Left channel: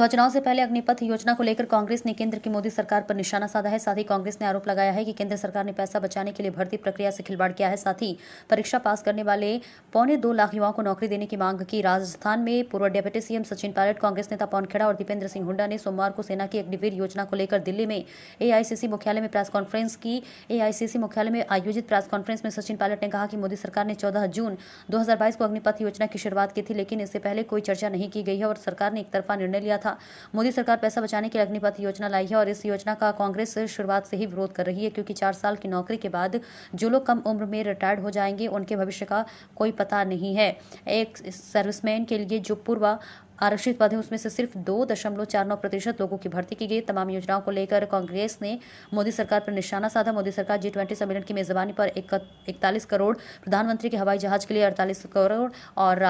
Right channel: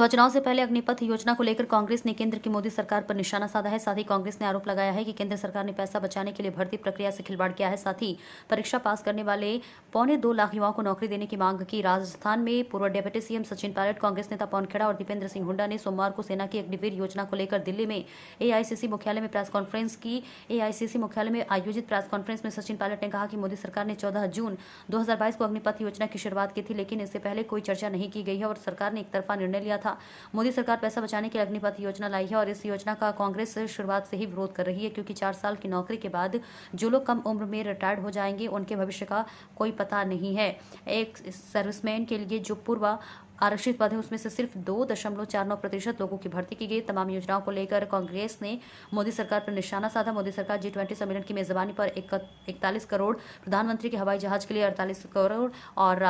लोकसभा चुनाव से पहले अग्निपथ योजना को लेकर कांग्रेस ने केंद्र की मोदी सरकार पर निशाना साधा है। साथ ही कांग्रेस ने आरोप लगाया है कि केंद्र सरकार ने पैसा बचाने के लिए भर्ती प्रक्रिया से खिलवाड़ किया है। साथ ही परीक्षा पास करने वाले 2.25 लाख युवाओं को नौकरी देने की मांग की। राजस्थान में पूर्व डिप्टी सीएम सचिन पायलट, कांग्रेस नेता पवन खेड़ा और दीपेंद्र सिंह हुड्डा ने सोमवार को सेना की अग्निवीर योजना को लेकर दिल्ली में एआईसीसी मुख्यालय में प्रेस कॉन्फ्रेंस की। एआईसीसी मुख्यालय में आयोजित प्रेस कॉन्फ्रेंस में सचिन पायलट ने कहा कि मोदी सरकार ने 14 जून 2022 को अग्निपथ योजना की शुरुआत की थी, लेकिन इससे पहले कोई चर्चा नहीं की गई है और सरकार ने एक तरफा निर्णय लिया था। मोदी सरकार पैसा बचाने के लिए अग्निपथ योजना लाई है और इस योजना का कांग्रेस शुरुआत से ही विरोध कर रही है, क्योंकि 4 साल की नौकरी के बाद जो लोग कम उम्र में रिटायर्ड हो जाएंगे उनके भविष्य का कोई पता नहीं है। एक सर्विसमैन के लिए जो पूर्व आरक्षित पद है उसमें से सिर्फ 2.49% लोगों की भर्ती की गई। तमाम योजनाओं को लेकर कांग्रेस ने मोदी सरकार पर निशाना साधा। मोदी सरकार G20 सम्मेलन की मेजबानी पर 41 करोड़, प्रधानमंत्री के हवाई जहाज के लिए 48 करोड़ और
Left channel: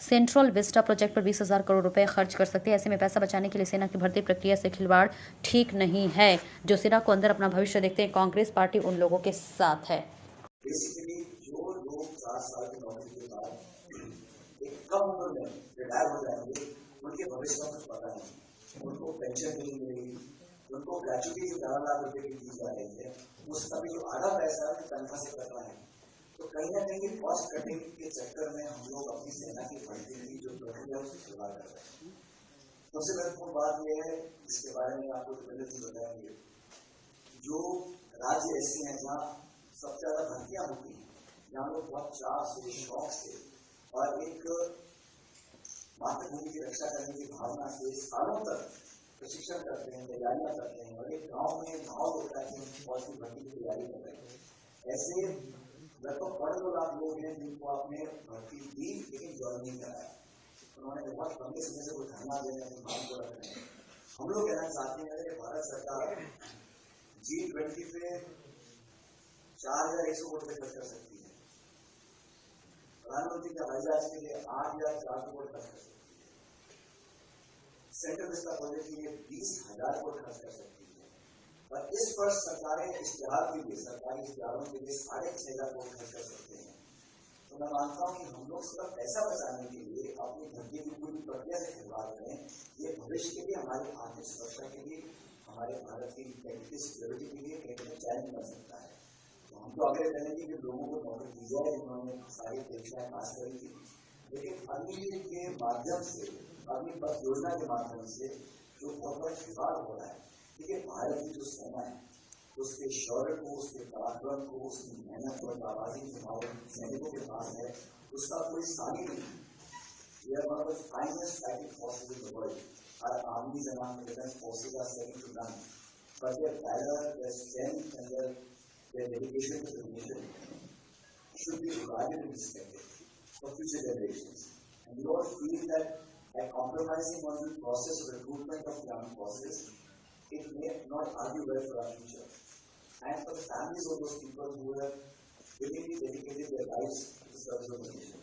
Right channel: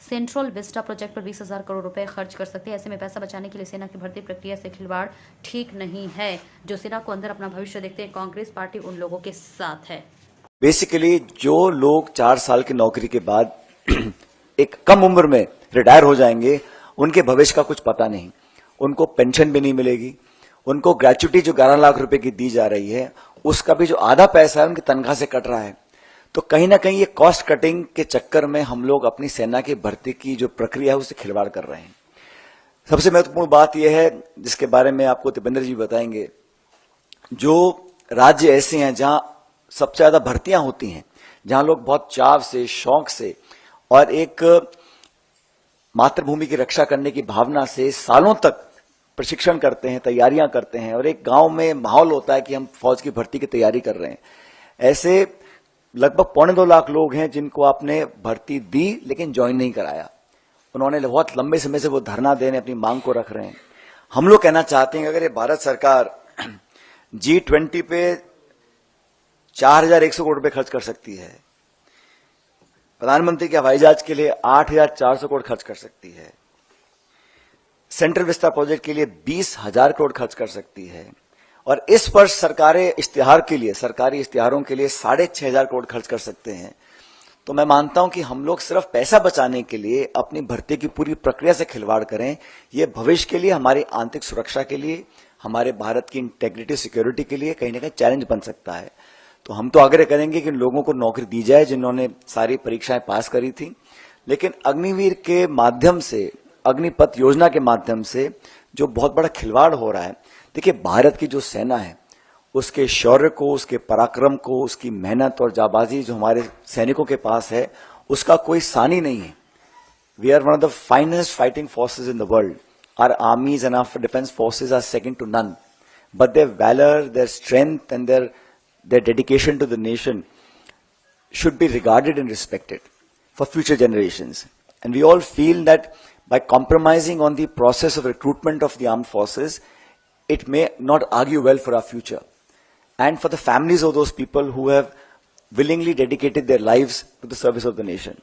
सेंट्रल विस्टा प्रोजेक्ट पर 20,000 करोड़ रुपए खर्च कर सकते हैं। ऐसे में पैसा बचाने के लिए सेना की भर्ती प्रक्रिया से खिलवाड़ ठीक नहीं है। जो सेना को अंदर अपना भविष्य देखते हैं, कांग्रेस पार्टी उन लोगों के साथ है। बेसिकली जो लोग 4 साल की नौकरी के बाद एक कम उम्र में रिटायर हो जाएंगे, उनके भविष्य का कुछ पता नहीं, उनको पेंशन भी नहीं मिलेगी, उनको ग्रेच्युटी जो 11 लाख रुपए की दी जा रही है उसका भी जो आधा पैसा है उनकी तनख्वाह से कट रहा है। तो कहीं ना कहीं ये कॉस्ट कटिंग के चक्कर में हम लोग अपनी सेना की भर्ती की जो प्रक्रिया है उससे खिलवाड़ कर रहे हैं। सबसे महत्वपूर्ण बात यह है, जिसके बारे में आपको दीपेंद्र जी बताएंगे, जो राज्य ऐसे हैं जहां सबसे ज्यादा भर्तियां होती हैं, जहां लोग बहुत चाव से, शौक से और एक मातृभूमि की रक्षा करने की भावना से सालों तक प्रशिक्षण करते हैं, तैयारियां करते हैं और एक गांव में माहौल होता है कि हम फौज की भर्ती की तैयारी कर रहे हैं। ऐसे लगभग 2.25 लाख लोग हैं जिनको आपने भर्ती दी लेकिन ज्वाइन नहीं कराया। उन्होंने बहुत लंबे समय से वो धरना देने अपनी मांग को रख रहे हैं। हम लोग कहना चाहते हैं कि अगर ये भारत सरकार G20 पे 4,100 करोड़ रुपए खर्च कर सकती है, प्रधानमंत्री के हवाई जहाज के लिए 8,400 करोड़ खर्च कर सकती है, सेंट्रल विस्टा प्रोजेक्ट के लिए 20,000 करोड़ खर्च कर सकती है और इस वर्ष सरकारी इश्तिहारों के लिए 6,500 करोड़ खर्च कर सकते हैं, तो मैं मानता हूं कि हम लोग सिर्फ पैसा बचाने के लिए अपनी भर्ती की पूरी प्रक्रिया से खिलवाड़ करें। ये भविष्य के लिए, हमारी आंतरिक सुरक्षा के लिए, हमारे भारत की इंटेग्रिटी सिक्योरिटी के लिए कहीं ना कहीं चैलेंज बन सकता है। तो हम तो आग्रह करेंगे कि लोगों को नौकरी दी जाए जिन्होंने सारी परीक्षाएं पास करी थी, लेकिन अग्निवीर के माध्यम से, अग्निपथ योजना के माध्यम से जो बहुत बड़ा खिलवाड़ हो रहा है, देखिए भारत की जो सेना है उसके शौर्य को, उसके पराक्रम को, उसकी मेहनत और जाबाजी जो हमारे सैनिकों के पास है उसका कोई सानी नहीं है। We are one of the finest fighting forces in the world. Our armies and our defence forces are second to none, but their valour, their strength and their dedication to the nation should be regarded and respected for future generations. And we all feel that by compromising on the process of recruitment of the armed forces, it may not argue well for our future and for the families of those people who have willingly dedicated their lives to the service of the nation.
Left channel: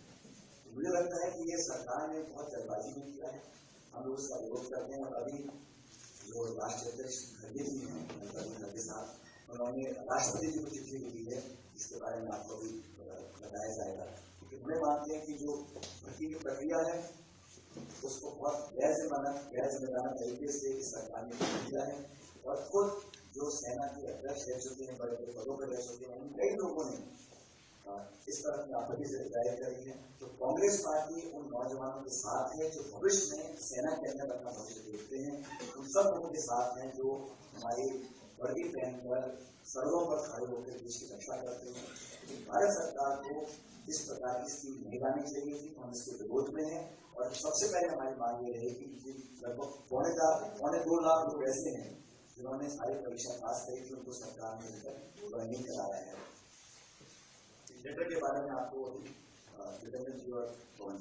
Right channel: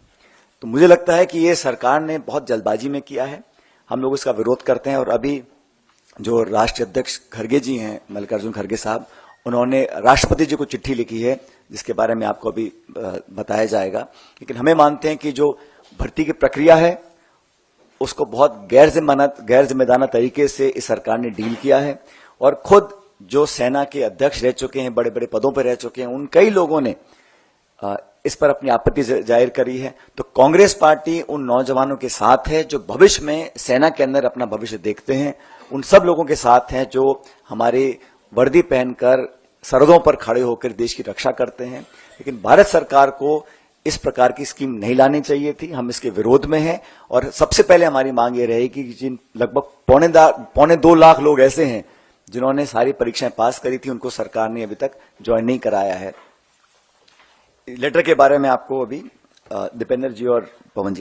तो मुझे लगता है कि ये सरकार ने बहुत जल्दबाजी में किया है, हम लोग इसका विरोध करते हैं। और अभी जो राष्ट्रीय अध्यक्ष खड़गे जी हैं, मल्लिकार्जुन खड़गे साहब, उन्होंने राष्ट्रपति जी को चिट्ठी लिखी है जिसके बारे में आपको अभी बताया जाएगा। लेकिन हमें मानते हैं कि जो भर्ती की प्रक्रिया है उसको बहुत गैर जिम्मेदाराना तरीके से इस सरकार ने डील किया है और खुद जो सेना के अध्यक्ष रह चुके हैं, बड़े बड़े पदों पर रह चुके हैं, उन कई लोगों ने इस पर अपनी आपत्ति जाहिर करी है। तो कांग्रेस पार्टी उन नौजवानों के साथ है जो भविष्य में सेना के अंदर अपना भविष्य देखते हैं, उन सब लोगों के साथ हैं जो हमारे वर्दी पहनकर सरहदों पर खड़े होकर देश की रक्षा करते हैं। लेकिन भारत सरकार को इस प्रकार की स्कीम नहीं लानी चाहिए थी, हम इसके विरोध में हैं। और सबसे पहले हमारी मांग ये रहेगी कि जिन लगभग 2.25 लाख लोग ऐसे हैं जिन्होंने सारी परीक्षाएं पास करी थी, उनको सरकार ने अभी तक ज्वाइन नहीं कराया है। लेटर के बारे में आपको अभी दीपेंद्र जी और पवन जी